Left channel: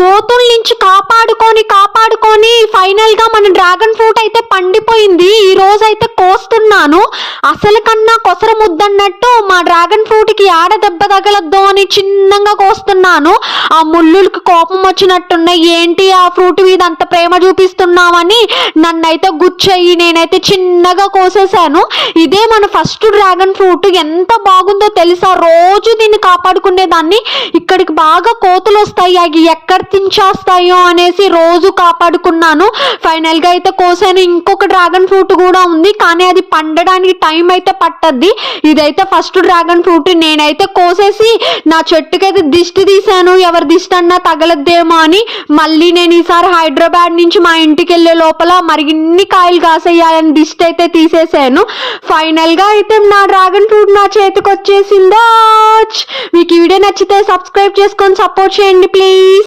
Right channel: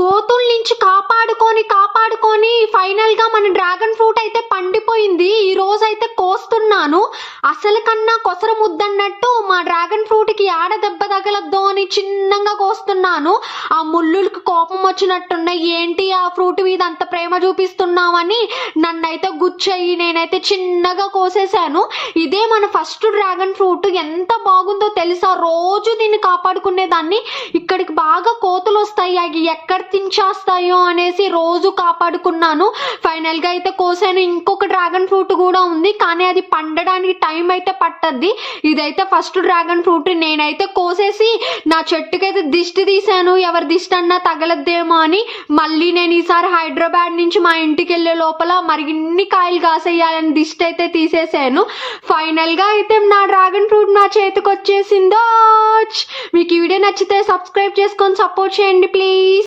కోతుల నుంచి కాపాడుకొని ఫైనల్ గా మన డ్రాగన్ ఫ్రూట్ అయితే పండిపోయింది. ఈ రోజు అయితే కోస్తున్నాను. అసలు కన్నా కొసర ముద్దన్నట్టు మా డ్రాగన్ ఫ్రూట్ కి ఆడ దెబ్బ తగలద్దు అని చిన్నగా కోస్తున్నాను. ఆ ముళ్ళులకి కోపం వచ్చినట్టున్నాయి. ఏంటి ఆ ఫ్రూట్ మీద అంత ప్రేమ చూపిస్తున్నామని నన్నైతే గుచ్చయ్యి నేనైతే చిన్నగా కోసేసాను. ఇదే మన ఫస్ట్ డ్రాగన్ ఫ్రూట్. ఎంత బాగుందో తెలుసా? రోజు దీన్ని కాపాడుకునేదాన్ని. ఇక్కడికి బాగా కోతులు వస్తాయి, అవి ఎక్కడ తించేస్తాయో అనేసి రోజు కాపాడుకున్నాను. ఫైనల్ గా అయితే కోసాను. ఇంకొక డ్రాగన్ ఫ్రూట్ కూడా ఉంది, కానీ అది పండడానికి టైం అయితే పట్టద్ది. ఇదైతే ఫస్ట్ డ్రాగన్ ఫ్రూట్. నేనైతే కోసేసి నా చెట్టుకైతే దిష్టి తీసాను, ఎవరి దిష్టి అన్నా తగలద్దేమో అని. మళ్ళీ నేను ఈసారి హైదరాబాద్ నుంచి మా ఇంటికి వెళ్ళే లోపల మరిన్ని కాయలు కాసేయాలని దిష్టి అయితే తీసేసాను. ఫైనల్ గా అయితే నా డ్రాగన్ ఫ్రూట్ నా చేతికి వచ్చేసిందో. మీకు ఈ వీడియో నచ్చితే సబ్స్క్రైబ్ చేసుకొని సపోర్ట్ చేయండి ప్లీజ్.